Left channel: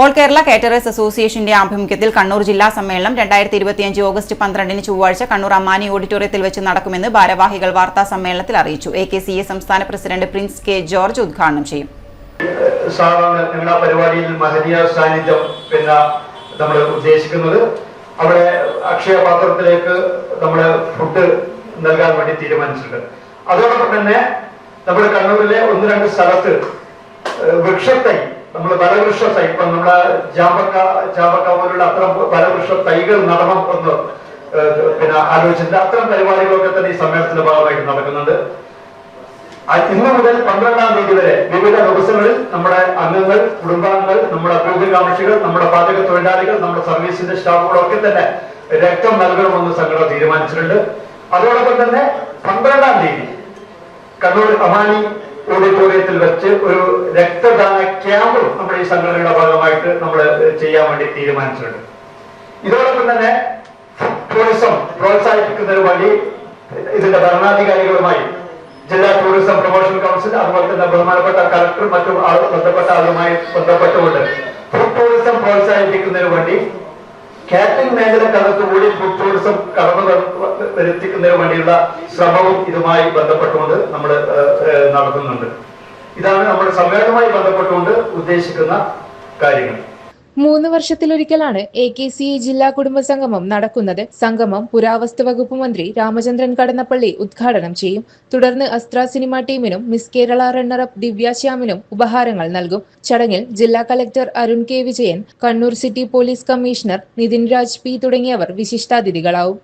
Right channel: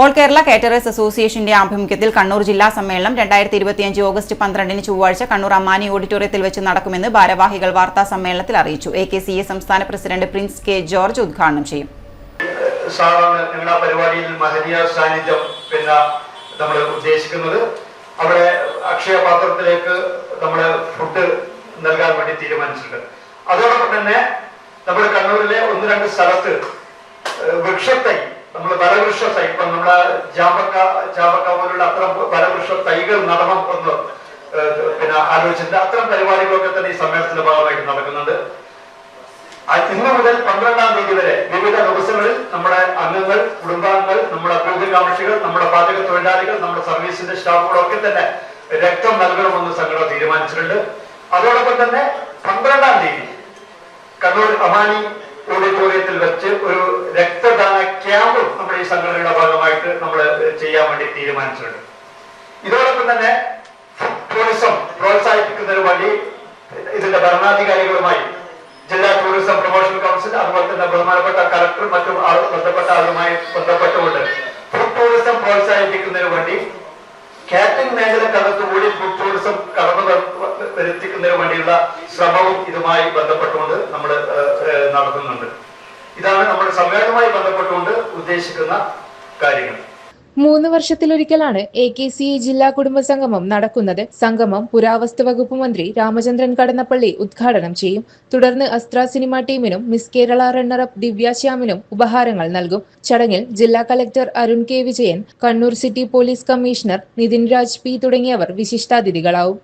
All Kerala caterers അസോസിയേഷന്റെ ആഭിമുഖ്യത്തിൽ കണ്ണൂർ ജില്ലാ സമ്മേളനം 2025 ഓഗസ്റ്റ് 12 ചൊവ്വാഴ്ച കണ്ണൂർ അമ്മാനി ഓഡിറ്റോറിയത്തിൽ വെച്ച് നടക്കുമെന്ന് ഭാരവാഹികൾ വാർത്താ സമ്മേളനത്തിൽ അറിയിച്ചു. AKCA സംസ്ഥാന പ്രസിഡന്റ് പ്രിൻസ് കെ ജോർജ് ഉദ്ഘാടനം ചെയ്യും. പരിപാടിയിൽ മഹനീയ സാന്നിധ്യം നമ്മൾ ഉദ്ദേശിക്കുന്നത് അവിടെ അക്ഷയ പാത്രത്തിലേക്ക് നമ്മൾ ഫുഡ് നൽകാൻ വേണ്ടി തീരുമാനിച്ചിട്ടുണ്ട്. അതോടൊപ്പം തന്നെ നമ്മുടെ കണ്ണൂരിലെ 1-2 സ്ഥലത്ത് വൃക്ഷത്തൈ നമ്മൾ ബലവൃക്ഷ തൈ ഇപ്പം നമ്മളെ ചാമ്പക്ക പോലുള്ള അത്തരം ബലവൃക്ഷ തൈകൾ നടണം എന്ന് ആലോചിച്ചിട്ടുണ്ട്. അത്തരം പരിപാടികളൊക്കെ തന്നെ ഈ സമ്മേളനത്തിന്റെ ഭാഗമായിട്ട് നടക്കുന്നുണ്ട്. ഇന്ന് മുതൽ 12-ാം തീയതി വരെ വിവിധ ദിവസങ്ങളിൽ നമ്മുടെ അംഗങ്ങൾ, കുടുംബാംഗങ്ങൾ, നമ്മുടെ അഭ്യുദയകാംക്ഷികൾ, നമ്മുടെ പാചക തൊഴിലാളികൾ, നമ്മുടെ സർവീസിന്റെ സ്റ്റാഫുകളൊക്കെ തന്നെ രക്തം നൽകണമെന്ന് സംഘടന തീരുമാനിച്ചിട്ടുണ്ട്. അതോടൊപ്പം തന്നെ 12-ാം തീയതി കണ്ണൂർ അമാനി ഓഡിറ്റോറിയത്തിൽ വെച്ച് ഒരു രക്തദാന ക്യാമ്പും നമ്മുടെ ഈ സംഘടനയുടെ ഭാഗമായിട്ട് നമ്മൾ ചെയ്യാൻ വേണ്ടി തീരുമാനിച്ചിട്ടുണ്ട്. ഇതോടൊപ്പം തന്നെ ടൂറിസം പ്രോത്സാഹിപ്പിക്കുന്നതിന് വേണ്ടി ഇതിന്റെ ഭരണാധികാരികളുമായി ജില്ലാ ടൂറിസം പ്രൊമോഷൻ കൗൺസിൽ, അതുപോലെ തന്നെ ബഹുമാനപ്പെട്ട കളക്ടർ, മറ്റു ബന്ധപ്പെട്ട ആളുമായി ബന്ധപ്പെട്ടുകൊണ്ട് ഫുഡ് ടൂറിസം പ്രോത്സാഹിപ്പിക്കുന്നതിന് വേണ്ടി കാറ്ററിംഗ് മേഖലക്കകത്തുകൂടി ഫുഡ് ടൂറിസം കടന്നു വരുത്തിക്കുന്നതിന് വേണ്ടിയുള്ള ശ്രമവും ഇതുമായി ബന്ധപ്പെട്ടുകൊണ്ട് നമ്മൾ നടത്തുന്നുണ്ട്. ഇതാണ് നമ്മുടെ സമ്മേളനവുമായി ബന്ധപ്പെട്ടുകൊണ്ട് ഉദ്ദേശിക്കുന്ന കാര്യങ്ങൾ. 3 വർഷത്തിലൊരിക്കലാണ് AKCA ജില്ലാ കുടുംബ സംഗമം നടക്കുന്നത്. സംഗമം പുരാവസ്തു വകുപ്പ് മന്ത്രി രാമചന്ദ്രൻ കടന്നപ്പള്ളി ഉദ്ഘാടനം ചെയ്യും. തുടർന്ന് അസ്ത്ര സിനിമ ടീമിനും മിസ് കേരള റണ്ണറപ്പ് ദിവ്യാശ്യാമിനും ഉപഹാരങ്ങൾ നൽകും. ചടങ്ങിൽ ജില്ലാ collector Arun K Vijayan, Kannur city police commissioner Nithin Raj P തുടങ്ങിയവർ വിശിഷ്ടാതിഥികളാവും.